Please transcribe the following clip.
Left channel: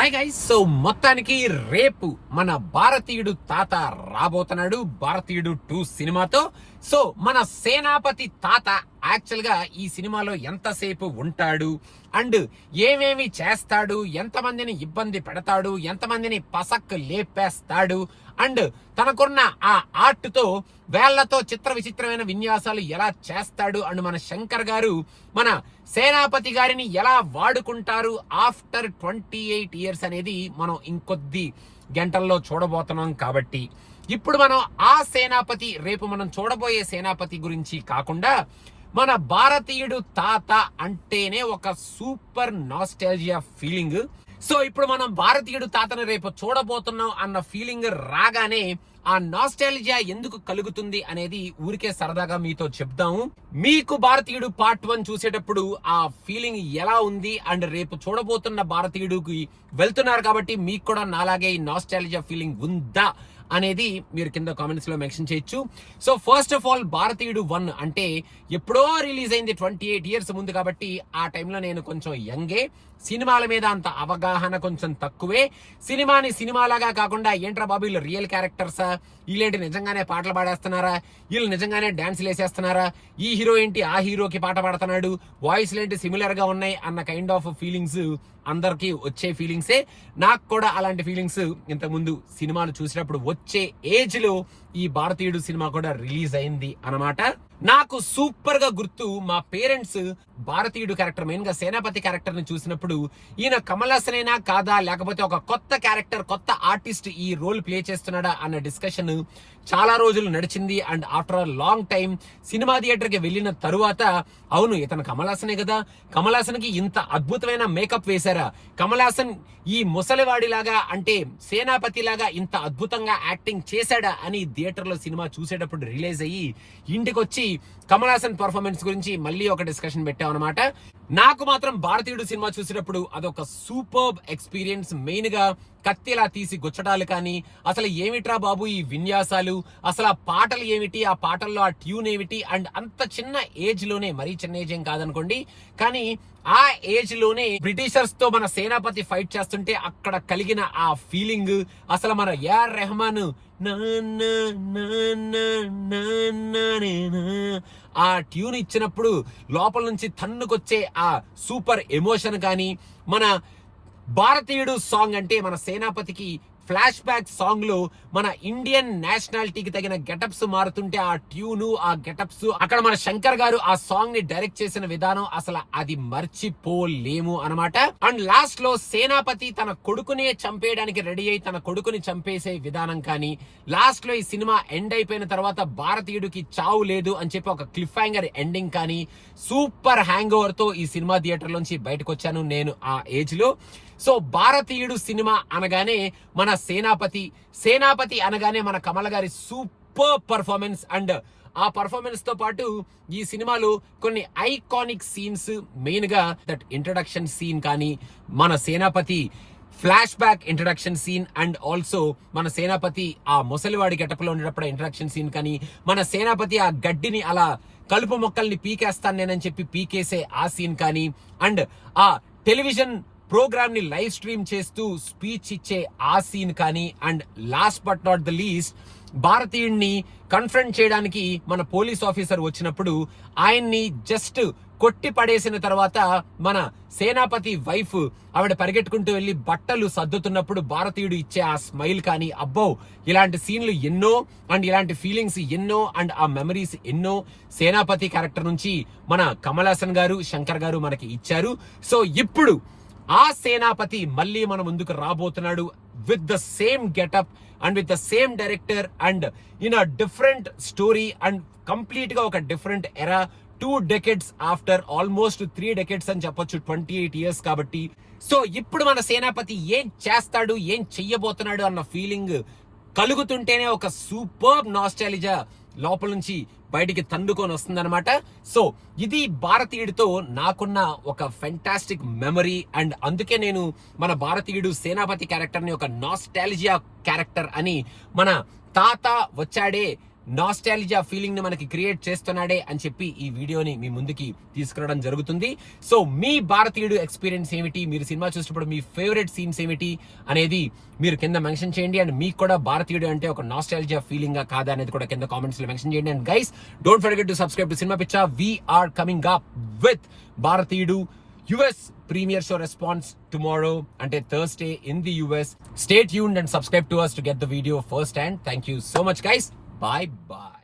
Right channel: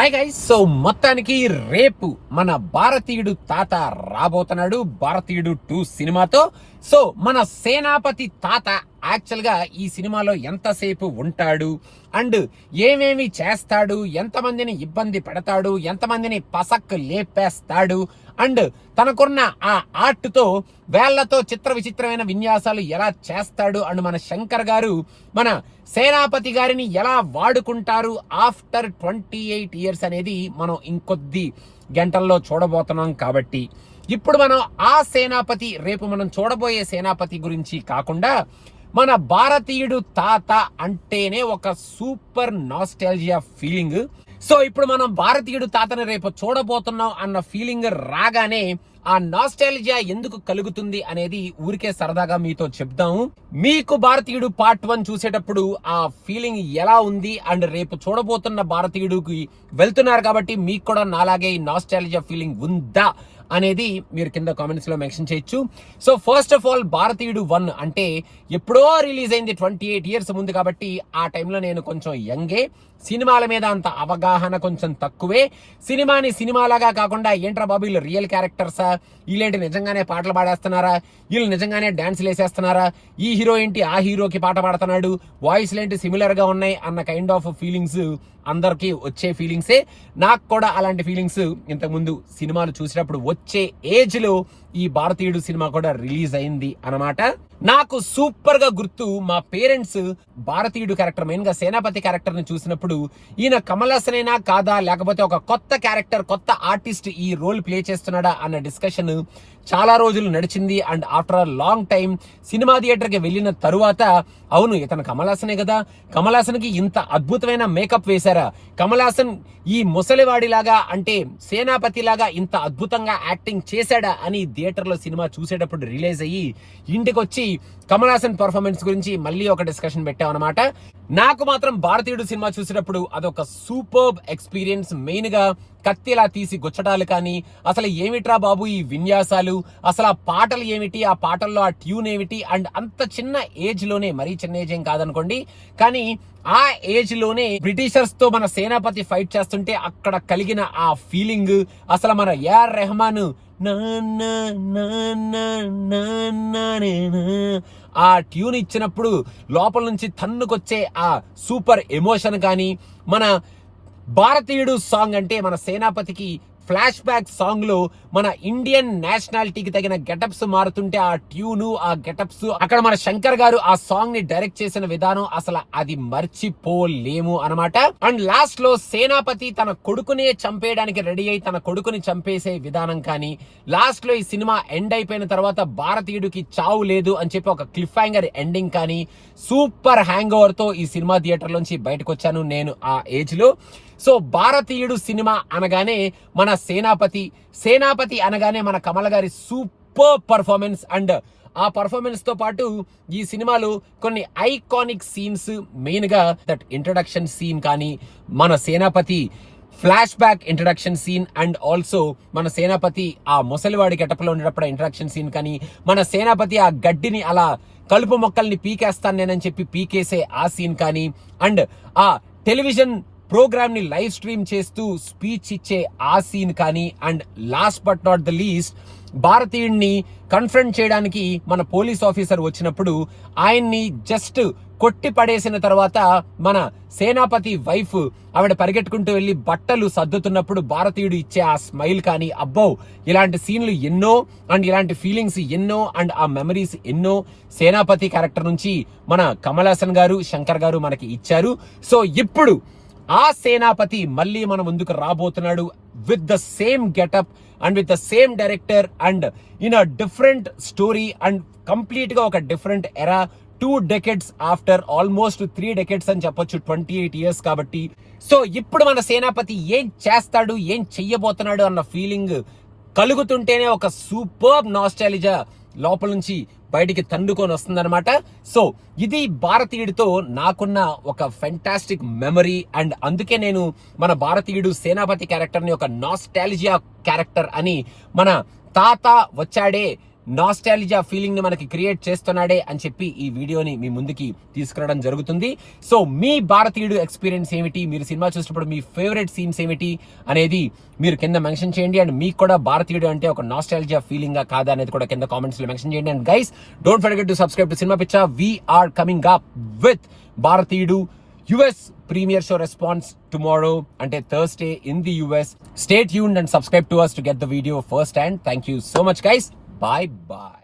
Hi guys. So మొత్తానికి రేపు మన భారతీయుడు తాత రాబోతున్నాడు భారతీయుడు 2 సినిమాతో. సో మన సేనాపతి తాత యాక్చువల్ గా ఈ సినిమాలో ఎంతసేపు ఉంటాడు అండ్ ఏమేమి చేస్తాడు, ఎంతమందిని ఇబ్బంది పెడతాడు, ఎంతమందిని పసక్ లేపేస్తాడు అండ్ తనకున్న ఆ ఆర్ట్ తో వేళ్లతో చిత్ర విచిత్రమైన విన్యాసాలు ఎలా చేస్తాడు అండ్ మన శంకర్ గారు మన సేనాపతి గారిని ఎలా వాడుకుంటారు ఆఫ్టర్ 28 ఇయర్స్ అనేది మనం ఇంకొద్ది గంటల్లో చూడబోతున్నాం. కాబట్టి ఇప్పుడు మనం ఆ సేనాపతి, రేపు మనం చూడబోయే సేనాపతి గురించి కాకుండా మన భారతీయుడు తాత అంటేనే ఒక సూపర్ నాస్టాల్జియా ఫీలింగ్. సో ఇప్పుడు మనం భారతీయుడు తాతను రేపు చూడబోతున్నాం అన్న ఫీలింగ్ రాగానే ఆ నాస్టాల్జియా ఎందుకు కలుగుతుంది అనేది ఊరికే సరదాగా మీతో చెప్తాము. మీకు భారతీయుడు పార్ట్ 1 చూసేటప్పుడు ఆ ఫీలింగ్ ఎలా ఉంది అండ్ రేపు చూడబోతున్న భారతీయుడికి వెళ్తున్నారు కాబట్టి మీకు కూడా నాలాగే ఈ నాస్టాల్జియా ఫీలింగ్ ఉందా అనేది మీరు కింద కామెంట్స్ లో మెన్షన్ చేయొచ్చు. సో ఫస్ట్ ఆఫ్ ఆల్ భారతీయుడు 1 అంటే ఎప్పుడో రిలీజ్ అయింది 28 ఇయర్స్ ముందు కాబట్టి ఆ టైంలో నేను కొంచెం యంగే, సినిమాల మీద అంత అవగాహన కొంచెం తక్కువే. సినిమాని సినిమాలాగా కాకుండా ఏంట్రా బాబు వీళ్ళు రియల్ క్యారెక్టర్సా, వీళ్ళేంటి నిజంగానే పాటలు పాడేస్తున్నారా, వీళ్ళు నిజంగానే డాన్సులు వేసేస్తున్నారా, ఈ హీరో ఏంటి ఆ హీరోకి పాట పాడుతున్నాడు, వాయిస్లు ఏంటి సిమిలర్ గా ఉన్నాయి అన్న కైండ్ ఆఫ్ ఫీలింగ్స్ అందరికి వచ్చే ఫీలింగ్సే. నాకు కూడా అలాంటి ఫీలింగ్స్ ఇంతకుముందు సినిమాలు చూసినప్పుడు వచ్చే ఏజ్ లో ఈ భారతీయుడు సినిమా కూడా రిలీజ్ అయింది అన్నమాట. నాకు సూపర్ గా గుర్తు, మా పేరెంట్స్ భారతీయుడు క్యారెక్టర్, మెయిన్ గా సేనాపతి క్యారెక్టర్ ని చూసినప్పుడు ఈయన కమల్ హాసన్ అయినా కాదా లేకపోతే ఒక కొత్త క్యారెక్టర్, కొత్త ఆర్టిస్ట్ ఈ రోల్ ప్లే చేస్తున్నాడా అన్న డిస్కషన్ చాలా రోజులు నడిచింది. And after a long time cinema theatre కి వెళ్ళిన తరువాత అవును ఇతను కమల్ హాసనే కదా, కమల్ హాసన్ కి ఇంత అద్భుతమైన మేకప్ వేశారా, కమల్ హాసన్ ఈ ముసలివాడిలాగా అంటే సేనాపతి లాగా ఇంత అద్భుతంగా యాక్టింగ్ చేశాడా అని థియేటర్ లో సినిమా చూసేటప్పుడు రిలీజ్ అయ్యి ఇంటికి వచ్చి కమల్ హాసన్ పర్ఫార్మెన్స్ గురించి మళ్ళీ ఒక డిస్కషన్ పెట్టామన్నమాట. నాకు మాత్రం భారతీయుడు సినిమా చూసేటప్పుడు అదొక సూపర్బ్ ఎక్స్పీరియన్స్. మెయిన్ గా కత్తిలా తీసి గుచ్చటాలు కానీ, అసలు ఏమిట్రా బాబు ఈ విన్యాసాలు, అసలు ఆ పాటలు ఏమిటి, ఆ పాటల్లో ఆ ట్యూన్ ఏమిటి అండ్ అంత చిన్న ఏజ్ లోనే, మరీ చిన్న ఏజ్ ఏం కాదనుకోండి కానీ ఆ ఏజ్ లోనే బ్రిటిషర్స్ తో మన సేనాపతి ఫైట్ చేస్తుంటే అక్కడ కలిగిన ఆ ఫీలింగ్, అసలు మన ఏఆర్ రెహమాన్ ఆ ట్యూన్ ఇచ్చినప్పుడు లోపల నుంచి తన్నుకొచ్చే ఆ సూపర్ ఎమోషన్ కానీ, మన భారతీయుడు సాంగ్ అంటే మన సేనాపతికి ఫ్లాష్ బ్యాక్ సాంగ్ లో మన ఇండియన్ నేషనాలిటీకి తగిన గెటప్స్ మారుతుంటే ఆ ట్యూను, ఆ గెటప్స్, అక్కడ మన శంకర్ గారు ఆ సాంగ్ ని డైరెక్ట్ చేసిన విధానం అసలు అది మర్చిపోలేము అనమాట. అండ్ లాస్ట్ లో సేనాపతి తన కొడుకునే చంపేయడానికి రెడీ అయి తన కొడుకుని చంపేసే విధానం కానీ, లాస్ట్ లో ఈ సినిమా ఎండ్ అయిపోయిన తర్వాత భారతీయుడికి చావు లేదు అని చెప్పి ఒక క్లిఫ్ హ్యాంగర్ ఎండింగ్ కానీ, సూపర్ హ్యాంగ్ ఓవర్ తో ఈ సినిమా థియేటర్ లోంచి బయటకు వచ్చాను నేను ఆ ఏజ్ లో. సో భారతీయుడు సినిమా అనగానే మన సేనాపతి అనగానే మన కమల్ గారి సూపర్ పర్ఫార్మెన్స్ అండ్ ఆ పర్ఫార్మెన్స్ తో పాటు ఈ సినిమాలో కొన్ని ఐకానిక్ సీన్స్, మెయిన్ గా దట్ ఇంట్రడక్షన్ సీన్ కానీ, మన Senapathi flashback introduction scene and also మన సేనాపతి ఆ ముసలివాడి గెటప్లో ఉండేటప్పుడు ఇంట్రడక్షన్ సీన్ కానీ, మన సేనాపతి ఆ గడ్డిని అలా కలుపు మొక్కల్ని పీకేస్తాను నేనని చెప్పి పీకేసే ఆ సీన్ కానీ, అండ్ ఆ టెలివిజన్ ప్రోగ్రామ్ ని లైవ్ స్ట్రీమ్ చేస్తూ స్పీచ్ ఇచ్చే ఆ సీన్ కానీ, and last but not the least భారతీయుడిని కన్ఫ్రంట్ చేయడానికి మన పోలీస్ ఆఫీసర్ వచ్చినప్పుడు ఆయన్ని జస్ట్ కొట్టి పడేసిన తర్వాత మన సేనాపతి వైఫ్ ఆవిడ పరిగెట్టుకుంటూ వెళ్లి బట్టలు సర్దుతున్నప్పుడు భారతీయుడు ఇచ్చే ఆ స్మైల్ కానీ, అబ్బో ఇలాంటి సీన్లు ఎన్నో అండ్ ఇలాంటి ఫీలింగ్స్ ఎన్నో అండ్ ఆ మెమరీస్ ఎన్నో సేనాపతి క్యారెక్టర్ నుంచి మన కమల్ హాసన్ గారు, శంకర్ గారు మనకి ఇచ్చారు. సో ఇప్పుడు ఆ సేనాపతి మళ్ళీ మన ముందుకు రాబోతున్నాడు with the same getup and with the same director and in a different story and complete గా ఒక డిఫరెంట్ ఎరా. 2 decades ఆఫ్టర్ ఆల్మోస్ట్ 3 decades అని చెప్పొచ్చు, 28 ఇయర్స్ కాబట్టి. సో ఇప్పుడు మన సేనాపతి ఏం చేస్తాడు, ఏం చెయ్యబోతున్నాడు అన్న ఫీలింగ్ కలుగుతుంటేనే ఒక సూపర్ నాస్టాలిజా లోపల నుంచి బయటికి తండుకొని వస్తుందన్నమాట. సో ఇది భారతీయుడితో నాకున్న ఒక ఫెంటాస్టిక్ మెమరీ అండ్ అందుకే నేను మన భారతీయుడు సేనాపతి క్యారెక్టర్ ని ఒక నాస్టాలిజియా క్యారెక్టర్ అని, మన తాత వచ్చాడే నాస్టాలజియా ఫీలింగ్ ని మనకి క్రియేట్ చేస్తున్నాడే అని చెప్పి ఈ వీడియోని మీ ముందుకి తీసుకురావడం జరుగుతుంది. సో మీ భారతీయుడు ఎక్స్పీరియన్స్ ఏమిటి, మీరు సినిమా చూసినప్పుడు మీ ఫేవరెట్ సీన్స్ ఏమిటి అనేది మీరు కింద మెన్షన్ చేయండి. అండ్ మీకు కూడా భారతీయుడు అంటే ఒక నాస్టాలజియా ఫీలింగ్ గా కాదా అనేది కూడా కింద కామెంట్స్ లో మెన్షన్ చేయండి. And guys, don't forget to subscribe to cinema Pichha. We are coming up with Bharateeyudu US premiere show response tomorrow until Thursday in the US. Stay tuned and subscribe to us to get the video first hand. Thank you so much, guys. Bye bye.